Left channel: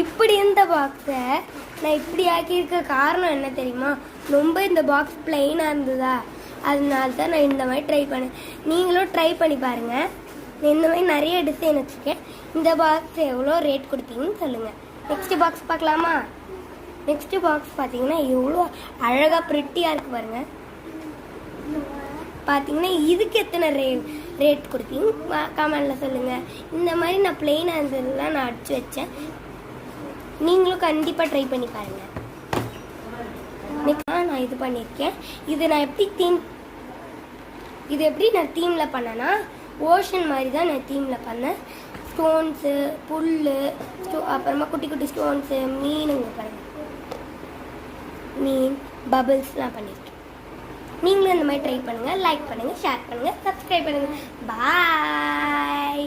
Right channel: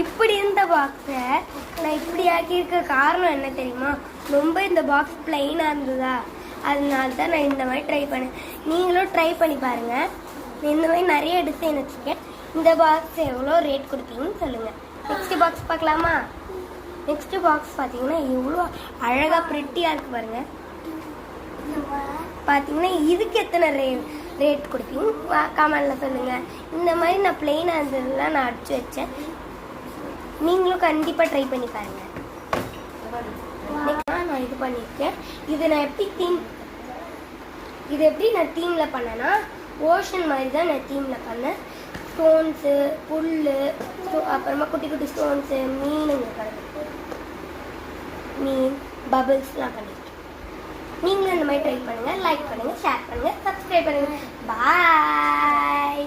இப்படி இருந்த பாக்ஸை நான் இப்படி ஆக்கியிருக்க காரணம் என்ன தெரியுமா? ரொம்ப இந்த பாக்ஸ் பிளெயினாக இருந்ததா, அதனால தான் நான் இந்த மாதிரி ட்ரை பண்ணேன். நீங்களும் ட்ரை பண்ணி பாருங்கள். இந்த மாதிரி நிறைய டிசைன் வச்சுருக்கேன். இந்த பாக்ஸ் எவ்வளோ ரேட் கொடுப்பீங்கன்னு சொல்லுங்கள். நெக்ஸ்ட் பாக்ஸ் பார்க்கலாமா? நெக்ஸ்ட் பாக்ஸ் பார்த்தீங்கன்னா எவ்வளோ அழகாக ப்ரிட்டியாக இருக்கு பாருங்க. பார்த்தீங்கன்னா இதுக்கு எத்தனை ரேட் கொடுப்பீங்க கமெண்ட்ல சொல்லுங்கள். இந்த மாதிரி நான் பிளெயினாக இருந்ததுலாம் நான் அடிச்சு வச்சேன். நீங்களும் கண்டிப்பாக ட்ரை பண்ணி பாருங்க. நான் இது பண்ணியிருக்கேன். இது நான் எப்படி நான் தீமில் பண்ணேன்னா, ஓஷன் மாதிரி தான் நான் தீமில் பண்ணேன். ஸ்டோன்ஸு, புல், அப்புறமா குட்டி குட்டி ஸ்டோன்ஸு, மீன், பபிள்ஸ்லாம் பண்ணியிருக்கேன். நீங்களும் இந்த மாதிரி ட்ரை பண்ணுங்கள். லைக் பண்ணுங்கள், ஷேர் பண்ணுங்கள், சப்ஸ்கிரைப் பண்ணுங்கள். பாய்.